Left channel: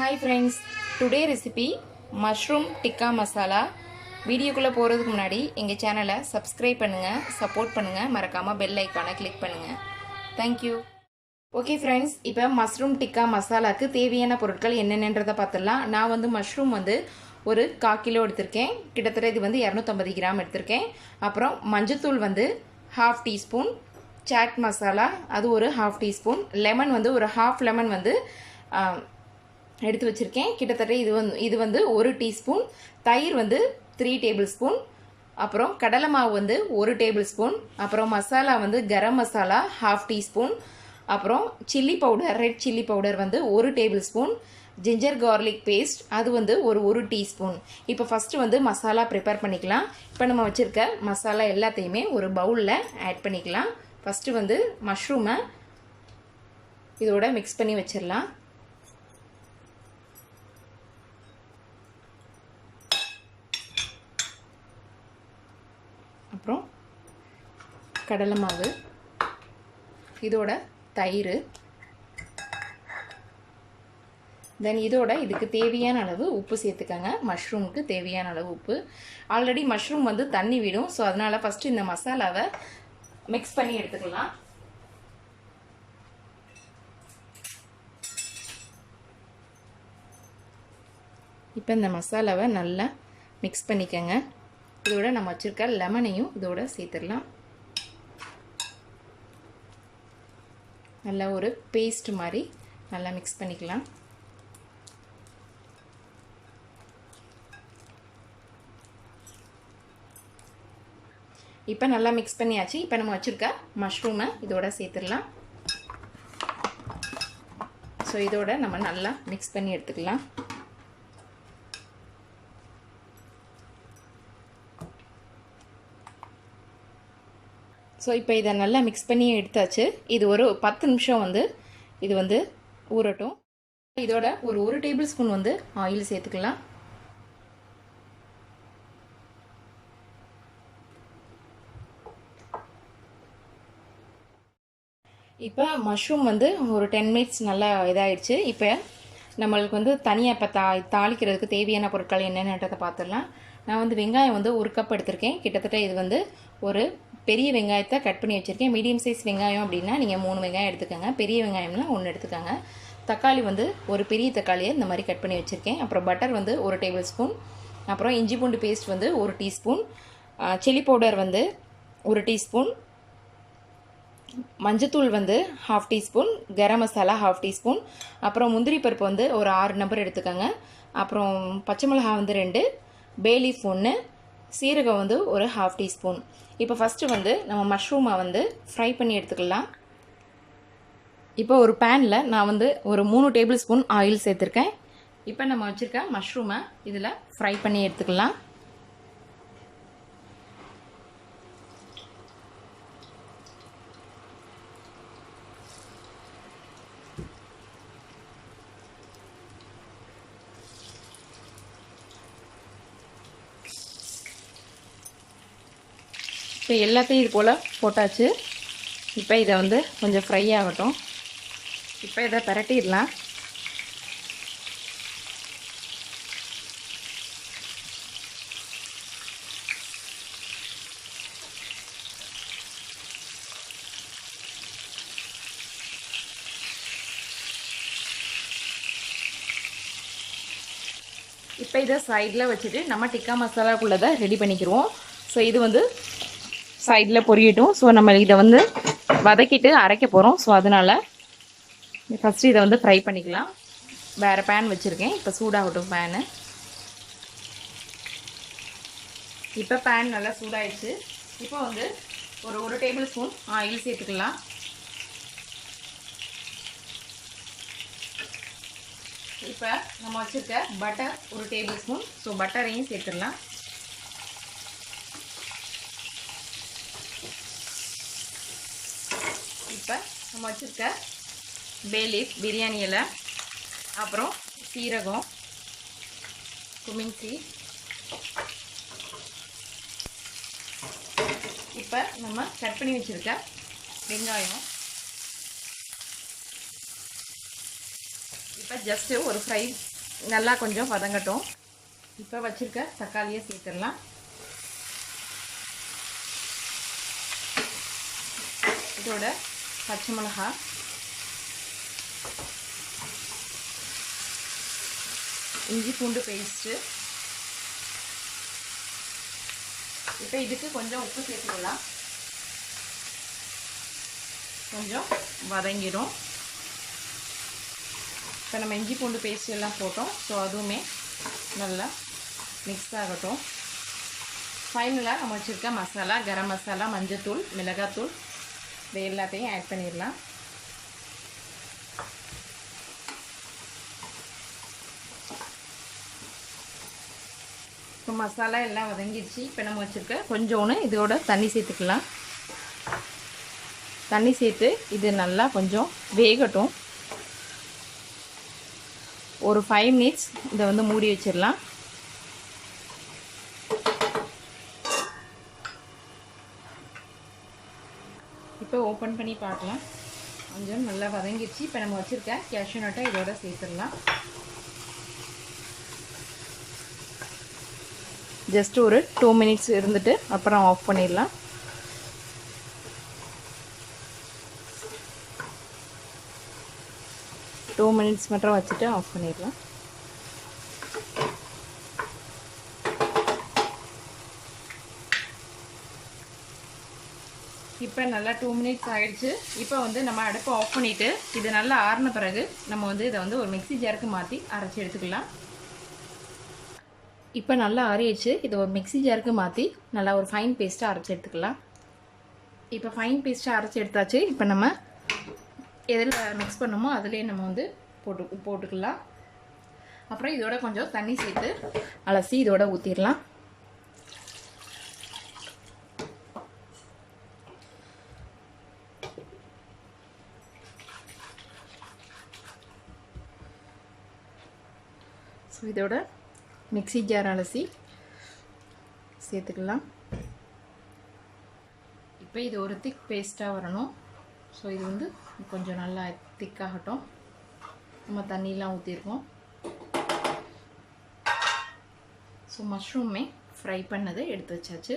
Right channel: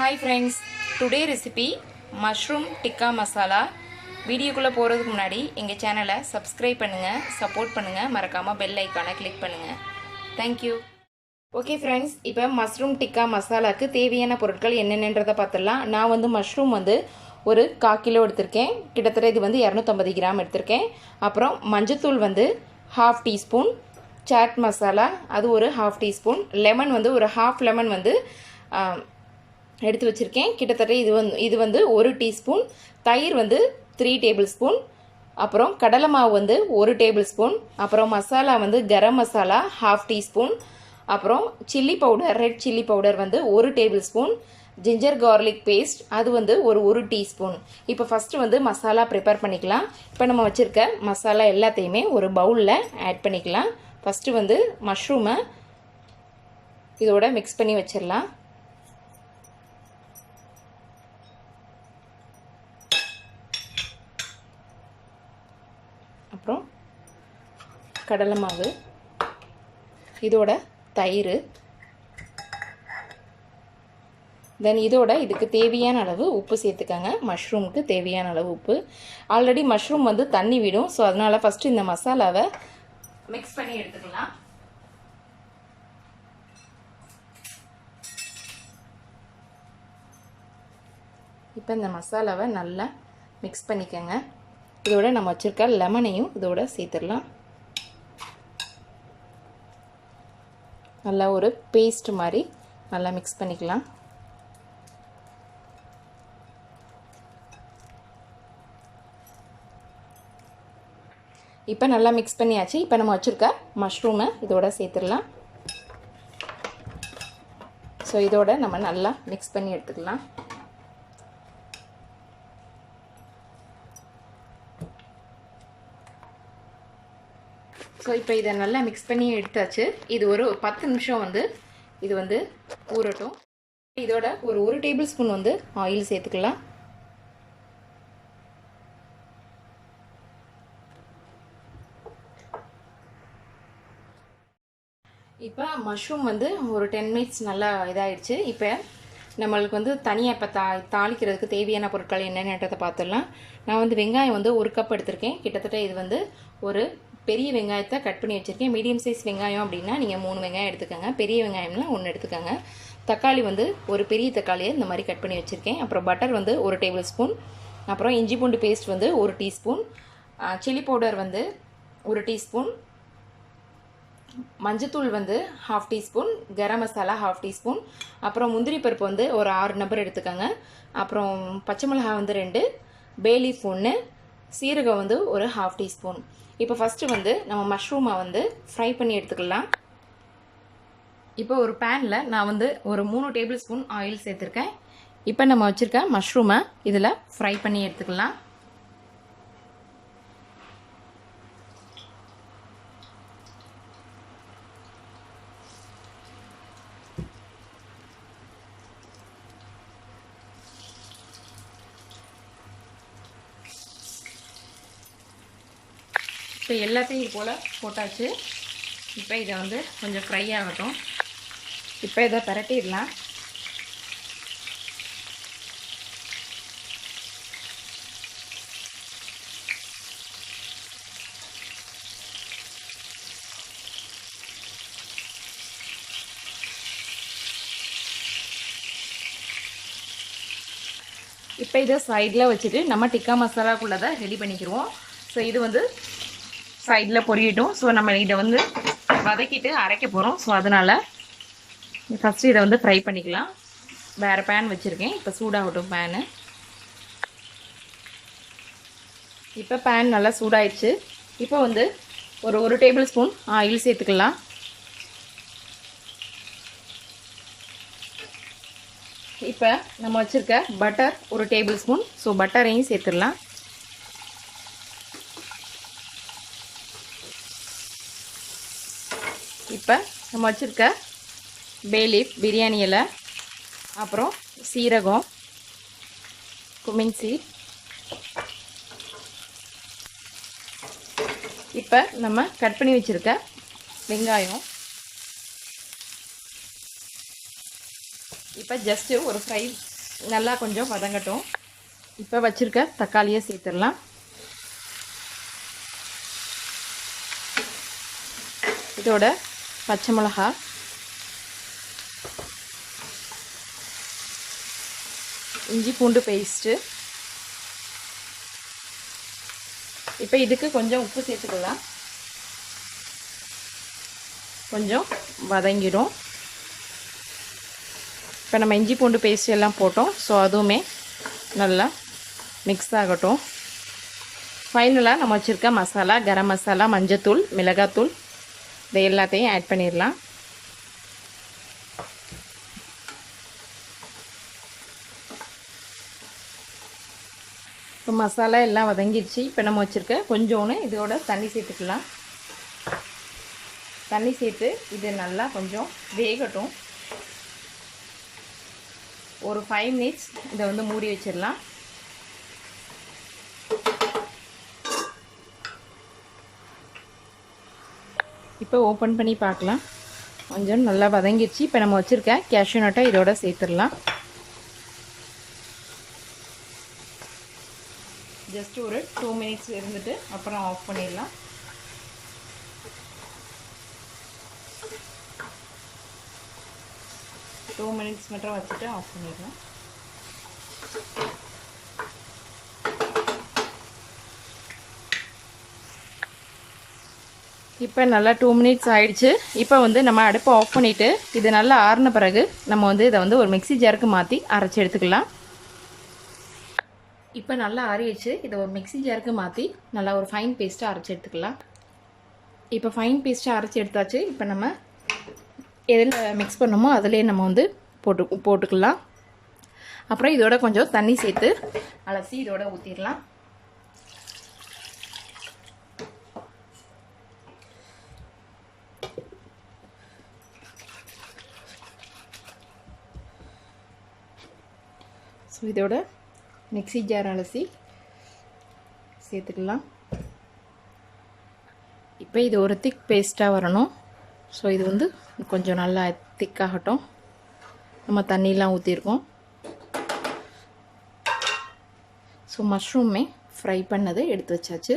Hi friends, today recipe mushroom tikka masala. வீடியோக்குள்ள போறதுக்கு முன்னாடி எங்க சேனலை subscribe பண்ணுங்க, support பண்ணுங்க, மறக்காம bell ஐகானை click பண்ணுங்க. Thank you. Okay friends, இப்போ mushroom tikka மசாலாக்கு தேவையான பொருட்கள் என்னென்னன்றதை பார்த்தலாம். நான் வந்து mushroom வந்து ஒரு 1/4 கிலோ எடுத்துர்க்கேன். கிட்டத்தட்ட இது வந்து 250 கிராம் எடுத்துர்க்கேன். அப்புறம் மஞ்சள்தூள் வந்து 1/2 டீஸ்பூன், சாட் மசாலா அது ஒரு 1/2 டீஸ்பூன், லெமன் வந்து ஒரு 1/2 லெமன் வந்து எடுத்து வச்சிருக்கேன். கிட்டத்தட்ட இது வந்து 1 டீஸ்பூன், தயிர் வந்து 3 டேபிள் ஸ்பூன், அப்புறம் கடலை மாவு வந்து 1 டேபிள் ஸ்பூன், அப்புறம் மசாலா வந்து கரம் மசாலா 1/2 டீஸ்பூன், அப்புறம் chilli powder red chilli powder வந்து 1 tablespoon, ginger garlic paste அது வந்து ஒரு டீஸ்பூன். இப்போ ஃபஸ்ட்டு வந்து மசாலா ப்ரிப்பேர் பண்ணிக்கலாம். இப்போ நம்ம வச்சுருக்க மசாலா எல்லாத்தையுமே ஒரு பவுலில் ஆட் பண்ணிக்கலாம். ஃபஸ்ட்டு வந்து மஷ்ரூமை இதோட மிக்ஸ் பண்ணி வச்சிடலாம். அப்புறம் கடலை மாவு, இதோட தயிர், தென் இதோட இதுக்கு தேவையான அளவு உப்பு சேர்த்துக்கங்க. மஷ்ரூமுக்கு தேவையான அளவு உப்பு. ஆல்ரெடி மஷ்ரூம் வந்து தண்ணி விடும், ஸோ அதனால் ஃபஸ்ட்டு இந்த மசாலாவை மிக்ஸ் பண்ணி எடுத்துக்கலாம். இப்போ இந்த மசாலாவை நல்லா மிக்ஸ் பண்ணிக்கங்க. இதோட நம்ம வச்சுருக்க லெமனையும் இதோட சேர்த்துடலாம். நல்லா ஒரு பேஸ்ட் மாதிரி நல்லா மிக்ஸ் பண்ணிக்கலாம். இப்போ நல்லா மிக்ஸ் பண்ணியாச்சு. இப்போ நம்ம வச்சுருக்க மஷ்ரூமை இதோட சேர்த்துடலாம். ஸோ இதோட நம்ம நல்லா மிக்ஸ் பண்ணி எடுத்துக்கலாம். ஸோ இப்போ இதை நல்லா மிக்ஸ் பண்ணி எடுத்தாச்சு. இது ஒரு 10 நிமிஷம் வந்து இது வந்து ஊறட்டும். இதோட ஒரு டேபிள் ஸ்பூன் வந்து ஆயில் சேர்த்துக்கலாம். இப்போ மஷ்ரூம் வந்து ஒரு 10 மினிட்ஸ் நல்லா இதாகிடுச்சு. இப்போ நம்மளுக்கு வந்து தனியாக இப்போ தாளிக்கிறதுக்கு தேவையான பொருட்கள் என்னென்னன்றதை பார்த்துடலாம். நான் வந்து வெங்காயம் வந்து 1 கப் எடுத்திருக்கேன். கிட்டத்தட்ட இது வந்து ஒரு பெரிய வெங்காயத்தை கட் பண்ணி வச்சுருக்கேன். மீடியம் சைஸ் வெங்காயம் அப்படின்னா நீங்கள் 3 வெங்காயம் எடுத்துக்கோங்க. பெரிய வெங்காயம்னா 1 எடுத்துக்கோங்க. தக்காளி வந்து ஒரு பெரிய தக்காளியை இந்த மாதிரி கட் பண்ணி வச்சுருக்கேன். அப்புறம் பட்டர் வந்து 1 டேபிள் ஸ்பூன், அப்புறம் இஞ்சி பூண்டு பேஸ்ட் வந்து 1 டீஸ்பூன், சில்லி பவுடர் வந்து 1 டீஸ்பூன், மஞ்சத்தூள் வந்து 1/2 டீஸ்பூன், கரம் மசாலா 1/2 டீஸ்பூன், அப்புறம் முந்திரி பருப்பு வந்து ஒரு 6 நம்பர் எடுத்துக்கோங்க. அப்புறம் பச்சை மிளகாய் வந்து 2, பேலீஃப் 1, சீரகம் வந்து ஒரு 1/2 டீஸ்பூன். இப்போ ஃபஸ்ட்டு வந்து நம்ம மஷ்ரூமை வந்து ஃப்ரை பண்ணி எடுத்துக்கலாம். இப்போ ஒரு பேனில் நான் வந்து ஒரு 3 டேபிள் ஸ்பூன் ஆயில் சேர்த்துருக்கேன். இப்போ நம்ம வச்சுருக்க மஷ்ரூமை இதில் ஃப்ரை பண்ணி எடுத்துக்கலாம். இப்போ எல்லாத்தையும் இது போல் போட்டாச்சு. இப்போ இதை வந்து கொஞ்சம் ஃப்ரை ஆகட்டும். இப்போ இதை பரட்டிடலாம். இப்போ இதை சைடில் வச்சுட்டு நம்ம டிக்கா மசாலாக்குள்ளதை ரெடி பண்ணிக்கிடுவோம். ஸோ இது வந்து சைடில் பொரியட்டும். ஸோ நம்ம இதை வந்து வதக்கிட்டு அரைக்க போகிறோம். ஸோ அதனால் ஃபஸ்ட்டு இதை வந்து ஃப்ரை பண்ணிக்கலாம். வேறு பேன் வச்சுருக்கேன். இப்போ சூடாகட்டும் பேனு. இப்போ பேன் நல்லா சூடாயிடுச்சு. இப்போ வந்து ஒரு டேபிள் ஸ்பூன் ஆயில் சேர்த்துக்கலாம். இப்போ நம்ம வச்சுருக்க பட்டர் 1 டேபிள் ஸ்பூன். ஸோ பட்டரையும் சேர்த்துடலாம். இப்போ நம்ம வச்சுருக்க பேலீஃப் பிரியாணி இலை, அப்புறம் சீரகம், குமின் சீட், இப்போ நம்ம கட் பண்ணி வச்சுருக்க வெங்காயம், இப்போ ஜஸ்ட்டு ஒரு நல்லா கொஞ்சம் வதங்கட்டும். இப்போ வச்சுருக்க தக்காளியை சேர்த்துடலாம். இதோட பச்சை மிளகா, இஞ்சி பூண்டு பேஸ்ட்டு, இப்போ இதுக்கு கொஞ்சம் உப்பு சேர்த்துக்கலாம். கொஞ்சம் வதங்கிடும். இப்போ நம்ம இஞ்சி பூண்டு பேஸ்ட் எல்லாம் போட்டோம். ஸோ அதுவுமே நல்லா மிக்ஸ் ஆகட்டும். ஃபைனலாக நம்ம வச்சுருக்க மசாலா, கரம் மசாலா, மஞ்சத்தூள், மிளகாத்தூள் இதை எல்லாத்தையும் ஆட் பண்ணிடலாம். இப்போ மசாலா எல்லாம் வதங்கிடுச்சு. இப்போ நம்ம வச்சுருக்க கொஞ்சோன்னு இதோட தண்ணி சேர்த்துக்கலாம். தண்ணி சேர்த்து இது நல்லா கொஞ்சம் வேகட்டும். ஒரு 5 மினிட்ஸ் இதை வந்து மூடி வச்சிடலாம். இப்போ ஓப்பன் பண்ணி பார்க்கலாம். கொஞ்சம் நல்லா வதங்கிடுச்சு. இப்போ நம்ம வச்சுருக்க கேஷ்யூ நட்டை இதோட சேர்த்துடலாம். ஜஸ்ட் ஒரு 2 மினிட்ஸ் இருந்துட்டு அப்புறம் ஆஃப் பண்ணிடலாம். டூ மினிட்ஸ் மட்டும் வச்சுட்டு ஆஃப் பண்ணிடலாம். இப்போ நல்லா 2 மினிட்ஸ் ஆயிடுச்சு. இப்போ வந்து நம்ம அடுப்பை ஆஃப் பண்ணிவிட்டு இது நல்லா ஆறின பிறகு நம்ம வந்து இதை வந்து ஒரு மிக்ஸி ஜாருக்கு மாற்றி அரைச்சி எடுத்துக்கலாம். இப்போ நல்லா ஆறிடுச்சு. இதை ஒரு மிக்ஸி ஜாருக்கு மாற்றி நல்லா ஒரு ஃபைன் பேஸ்ட்டாக அரைச்சி எடுத்துக்கலாம். இப்போ ஃபைன் பேஸ்ட்டாக அரைச்சி எடுத்தாச்சு. இப்போ நம்ம எதில் மிக்ஸ் பண்ணுமோ அதிலே நம்ம வந்து போட்டுக்கலாம். அப்புறம் இதோட கொஞ்சம் தண்ணி சேர்த்து அலசி இதோட ஊற்றிடலாம். ஸோ இதோட மிக்ஸி ஜார் அலசி சேர்த்துக்கலாம். இப்போ இது ஒரு திக் பேஸ்ட்டாக வரணும். ஸோ இது வந்து கொஞ்சம் நல்லா திக்காகட்டும். நம்ம தண்ணியெலாம் ஊற்றிருக்கோம். ஸோ மஷ்ரூமே ஃப்ரை பண்ணது எடுத்து வச்சாச்சு.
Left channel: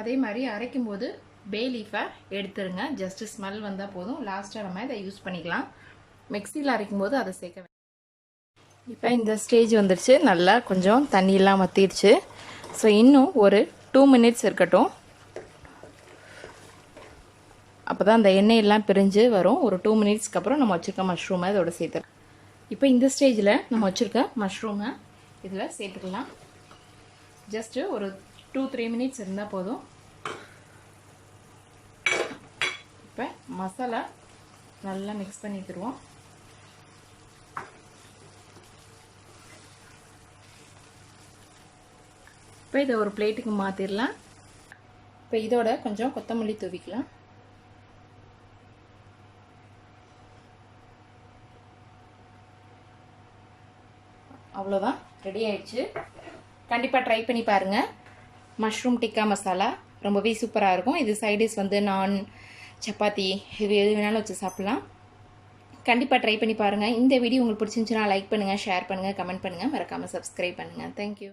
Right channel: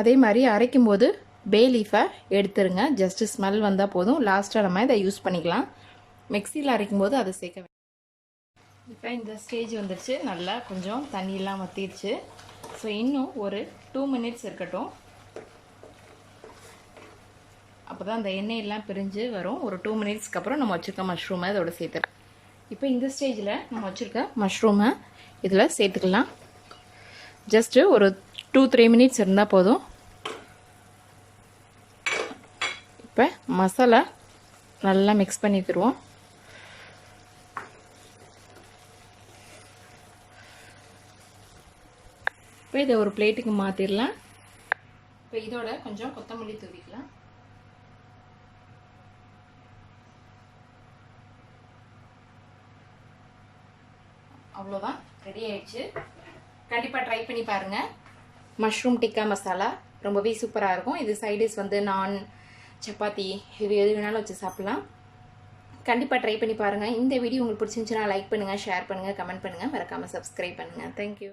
அதே மாதிரி அரைக்கும்போது பே லீஃபை எடுத்துருங்க. ஜஸ்ட்டு ஸ்மெல் வந்தால் போதும். லாஸ்ட்டாக நம்ம இதை யூஸ் பண்ணிக்கலாம். மிக்ஸியில் அரைக்கும்போது அதை சேர்க்க. இப்போ இந்த ஸ்டேஜ் வந்துடுச்சு. நல்லா கொஞ்சம் தண்ணியெல்லாம் வற்றிடுச்சு. ஸோ இன்னும் ஒரு 2 மினிட்ஸ் இருக்கட்டும். அப்போ தான் அந்த எண்ணெயெல்லாம் பிரிஞ்சு வரும். ஒரு 2 மினிட்ஸ்க்கு அப்புறம் நம்ம வச்சுருக்க மஷ்ரூமை இதோட சேர்த்துறோம். இப்போ இந்த ஸ்டேஜில் நம்ம வச்சுருக்க மஷ்ரூமை இதில் சேர்த்துக்கலாம். ஜஸ்ட்டு ஒரு 2-3 மினிட்ஸ் இருந்தால் போதும். இப்போ மசாலா நல்லா மிக்ஸ் பண்ணிக்கிடுவோம். இப்போ இதை ஒரு பிளேட்டுக்கு மாற்றிடலாம். இப்போ இதோட கொஞ்சம் கொத்தமல்லி தூவிக்கலாம். அவ்வளோதான், ரெடி ஆயிடுச்சு. கண்டிப்பாக ட்ரை பண்ணி பாருங்கள். மஷ்ரூம் டிக்கா மசாலா ரொம்பவே சூப்பராக இருக்கும். இது சைடிஷ் வந்து நான், சப்பாத்தி, இது எது வேணாலும் வச்சு சாப்பிட்லாம். கண்டிப்பாக ட்ரை பண்ணி பாருங்கள். இந்த வீடியோ உங்களுக்கு பிடிச்சிருந்துச்சுன்னா லைக் பண்ணுங்கள், ஷேர் பண்ணுங்கள், கமெண்ட் பண்ணுங்கள், மறக்காமல் சப்ஸ்கிரைப் பண்ணுங்கள். தேங்க்யூ.